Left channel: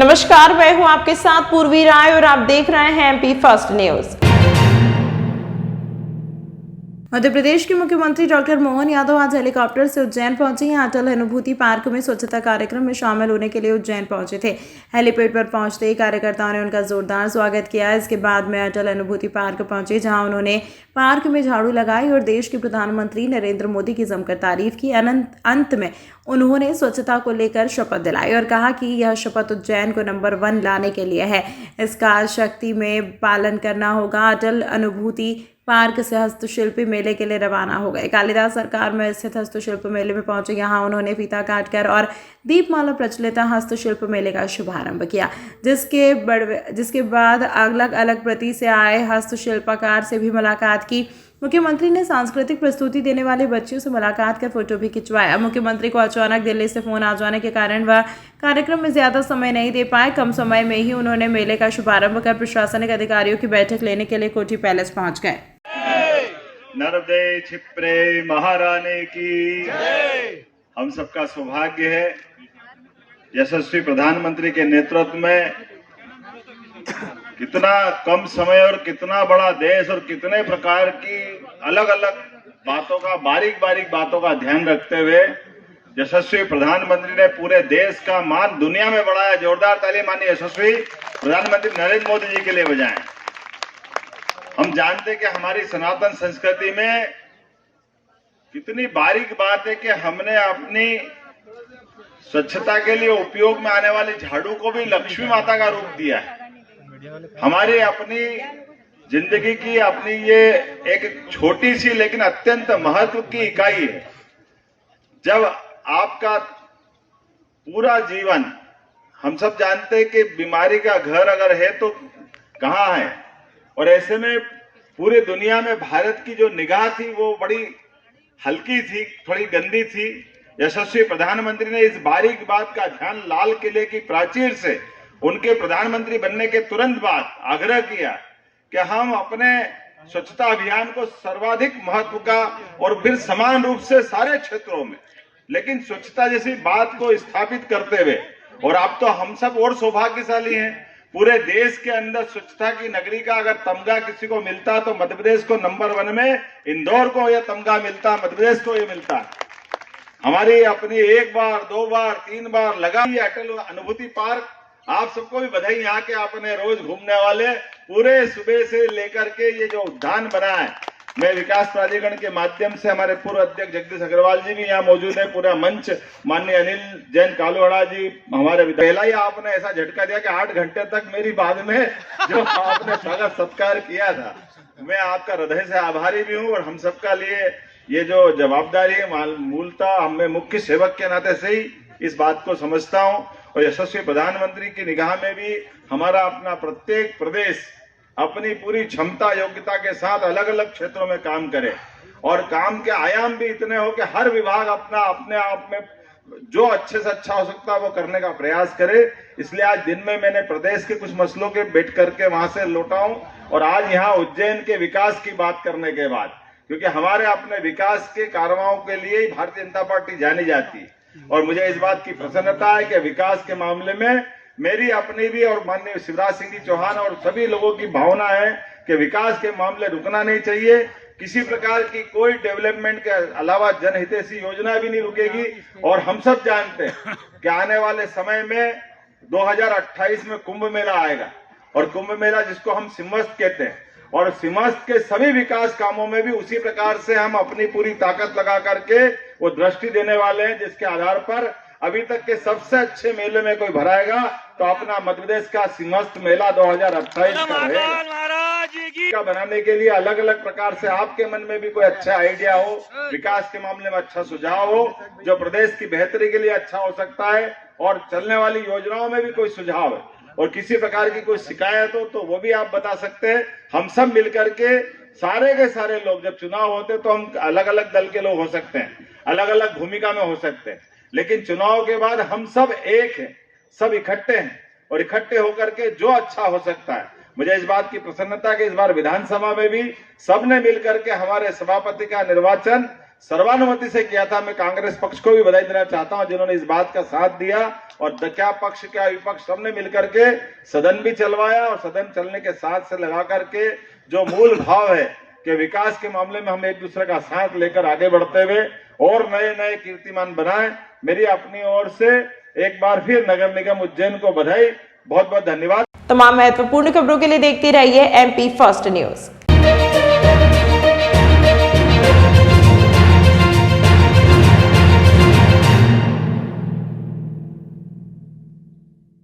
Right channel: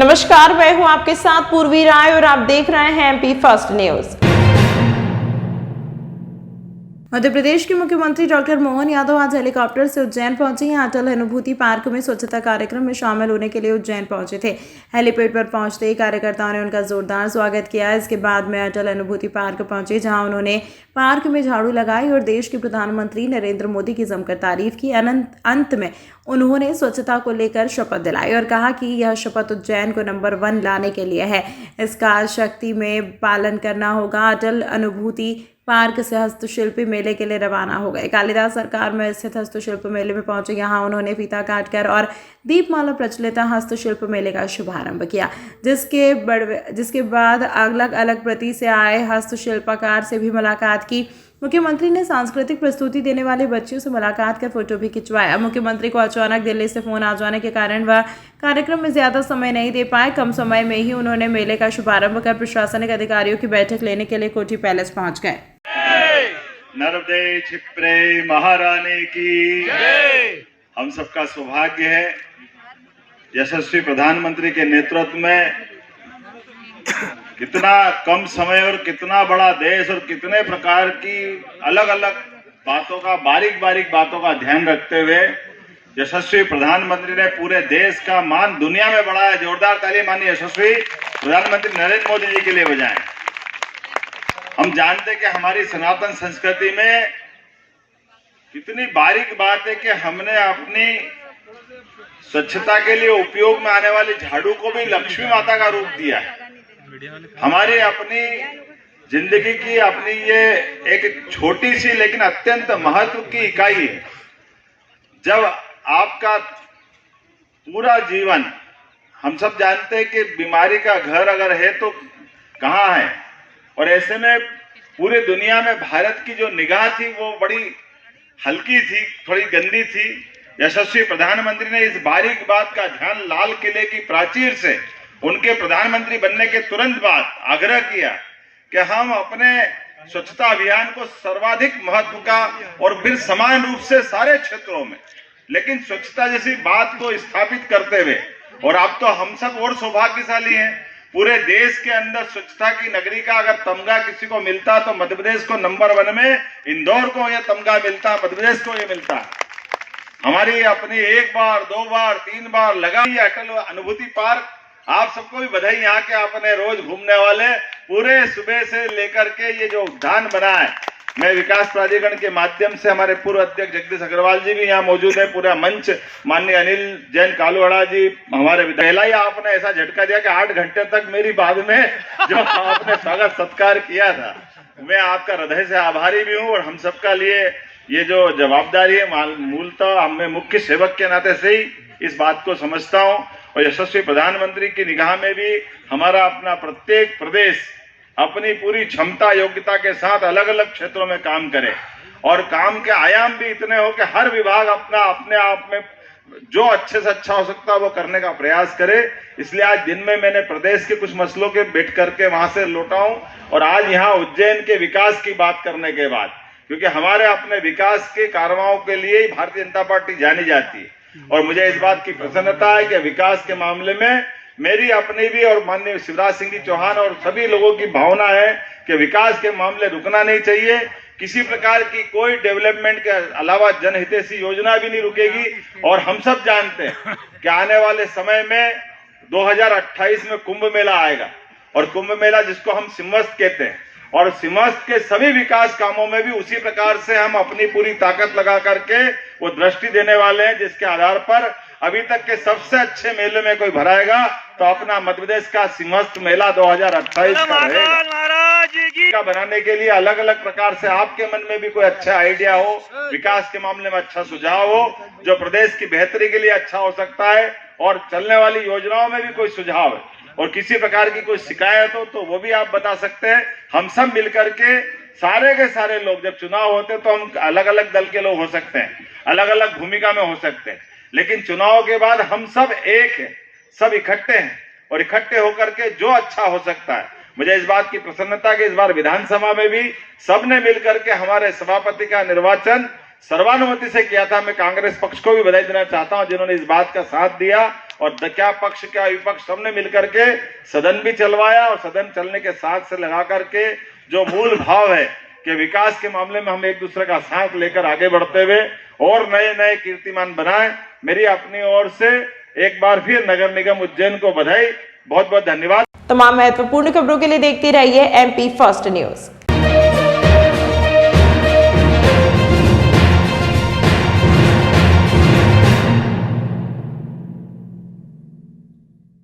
नमस्कार, मैं हूं आपके साथ पूर्वी राय और आप देख रहे हैं MP first news. Madhya Pradesh के मुख्यमंत्री डॉक्टर मोहन यादव आज हेलीकॉप्टर से उज्जैन पहुंचे हैं। अटल अनुभूति पार्क में स्वच्छता कार्यक्रम में शामिल होने के लिए उज्जैन पहुंचे थे। हेलीपैड पर पहुंचते ही कार्यकर्ताओं ने उनका जोरदार स्वागत किया। इसके बाद में अटल अनुभूति पार्क पहुंचे, जहां उन्होंने पार्क में झाड़ू लगाई और देश के प्रधानमंत्री नरेंद्र मोदी की जमकर तारीफ की। अंत में उन्होंने स्वच्छता को लेकर शपथ दिलाई और कहा कि यह शपथ उज्जैन को नंबर 1 लाने के लिए है। इसका शक्ति में पालन करना होगा। अटल अनुभूति पार्क से हस्तशिल्पी मेले के लिए रवाना हो गए। कालिदास सरकार में स्थित हस्तशिल्प मेले में पहुंचे। यहां उन्होंने फीता काटकर और दीपमाला प्रचलित हस्तशिल्प मेले का शुभारंभ किया, जिसके बाद अलग अलग प्रति से आए हस्तशिल्पकार से भी मुलाकात की। मुख्यमंत्री ने सांस्कृतिक प्रस्तुति देने वाले बच्चियों से मुलाकात कर फोटो भी खिंचवाया। मुख्यमंत्री को अचानक दिल्ली से फोन आ जाने के कारण वह कार्यक्रम में ज्यादा समय नहीं दे पाए। कम समय में ही उन्होंने मेले का शुभारंभ कर प्रशासनिक अधिकारियों की बैठक लेने के लिए कोठी पैलेस पहुंच गए। नर्मदे क्षिप्रे महारानी की हम सबका सौभाग्य है, यशस्वी प्रधानमंत्री के नेतृत्व में कितना कम समय और कितना बड़ा देश और कितने प्रकार की अलग अलग बातों का बारीक बातों का ध्यान रखते हुए यशस्वी प्रधानमंत्री ने पूरे देश का मान दुनिया में बढ़ाया। जोरदार ताली माननीय यशस्वी प्रधानमंत्री नरेंद्र मोदी जी के लिए बजाएं। हम जानते कि हमारी सनातन संस्कृति में कितनी बारीक बात है कि हमने अपनी स्वच्छता के लिए उपयोग में आने वाली झाड़ू को भी लक्ष्मी माता का रूप दिया है। हमारी अपनी जिंदगी की अपनी ये एक छोटी सी लेकिन अत्यंत महत्व की इकाई है। जब आपका पूरा जीवन, हम सब जानते हैं कि बीमारी का घर अगर है तो कहाँ है, और ऐसे में पूरी दुनिया में भारत की जो निगाह थी वो बड़ी हल्की थी, थोड़ी गंदी थी। यशस्वी प्रधानमंत्री ने इस बारीक बात का ध्यान लाल किले की प्राचीर से उनके प्रधानमंत्री बनने के तुरंत बाद आग्रह किया कि हम अपने स्वच्छता अभियान को सर्वाधिक महत्व का और फिर समान रूप से सारे क्षेत्रों में, लेकिन स्वच्छता जैसी बात को स्थापित करते हुए, और अब तो हम सब और सौभाग्यशाली हैं, पूरे देश के अंदर स्वच्छता की नगरी का अगर तमगा किसी को मिलता तो मध्य प्रदेश को नंबर 1 में इंदौर को यह तमगा मिलता, मध्य प्रदेश को यह मिलता। हमारी अपनी 1 बार 2 बार 3 बार लगाई अटल अनुभूति पार्क। आप सबको भी बधाई, यहाँ के अपने रोज घूमने वाले पूरे सुबह से लेकर के ये जो उद्यान बना है। मैं विकास प्राधिकरण के माध्यम से हमारे पूर्व अध्यक्ष जगदीश अग्रवाल जी भी यहाँ मौजूद है, पूरा मंच, माननीय अनिल जैन कालूहड़ा जी हमारे पहला ही आपने ऐसा झटका दिया कि 8 घंटे तक मेरी बाद में जो आपने स्वागत सत्कार किया था, मैं आपका हृदय से आभारी भी हूँ। और हम सबका लिए ये जो जवाबदारी है, मूलतः मैं मुख्य सेवक के नाते से ही इस बात को समझता हूँ। और यशस्वी प्रधानमंत्री की निगाह में भी हमारा अपना प्रत्येक प्रदेश अपनी पूरी क्षमता योग्यता के साथ अलग अलग क्षेत्रों में काम करे, और काम के आयाम भी इतने हो कि हर विभाग अपने आप में जो अच्छे से अच्छा हो सकता है वो करने का प्रयास करे। इसलिए आज दिन में मैंने प्रदेश के कुछ मसलों के बैठ करके वहां से लौटा हूं, और आज यहाँ उज्जैन के विकास की बात करने के बाद, क्योंकि हमारे अपने विकास के कार्यों के लिए ही भारतीय जनता पार्टी जानी जाती है, और मुझे इस बात की प्रसन्नता है कि विकास के मामले में मेरी अपनी भी और माननीय शिवराज सिंह जी चौहान और सभी लोगों की भावना है कि विकास के मामले रुकना नहीं चाहिए। किसी प्रकार की कोई डेवलपमेंट के अलावा जनहितैषी योजना भी नहीं रुकेगी। और हम सब जानते हैं कि आने वाले समय में 2028 में कुंभ मेला आएगा, और कुंभ मेला जिसको हम सिंहस्थ कहते हैं, और सिंहस्थ के सभी विकास कामों में भी उसी प्रकार से हम अपनी पूरी ताकत लगा करके वो दृष्टि देने वाले हैं, जिसके आधार पर अभी तक के सबसे अच्छे मेले में कोई भराएगा तो अपना मध्य प्रदेश का सिंहस्थ मेला 2028 का बनाने के लिए अलग अलग प्रकार से आपके मन में भी कोई अच्छा आइडिया हो, विकास के मामले में अच्छा सुझाव हो, जो प्रदेश की बेहतरी के लिए अच्छा हो सकता है, और चलने वाली योजनाओं में भी कोई सुझाव है, और किसी प्रकार की कोई शिकायत हो तो वो भी आप बता सकते हैं। हम सब मिलकर के सारे के सारे लोग, जब चुनाव होते तो हम अलग अलग दल के लोग हो सकते हैं, अलग अलग भूमिका में हो सकते हैं, लेकिन चुनाव के बाद हम सब एक हैं, सब इकट्ठे हैं, और इकट्ठे होकर के जो अच्छा हो सकता है। मुझे इस बात की प्रसन्नता कि इस बार विधानसभा में भी सबने मिलकर के हमारे सभापति का निर्वाचन सर्वानुमति से किया था। मैं कांग्रेस पक्ष को भी बधाई देना चाहता हूं जिन्होंने इस बात का साथ दिया और क्या पक्ष क्या विपक्ष सबने मिलकर के सदन भी चलवाया और सदन चलने के साथ से लगा करके जो मूल भाव है कि विकास के मामले में हम एक दूसरे का साथ लेकर आगे बढ़ते हुए और नए नए कीर्तिमान बनाएं। मेरी अपनी ओर से एक बार फिर नगर निगम उज्जैन को बधाई, बहुत बहुत धन्यवाद। तमाम महत्वपूर्ण खबरों के लिए देखते रहिए MP फर्स्ट न्यूज।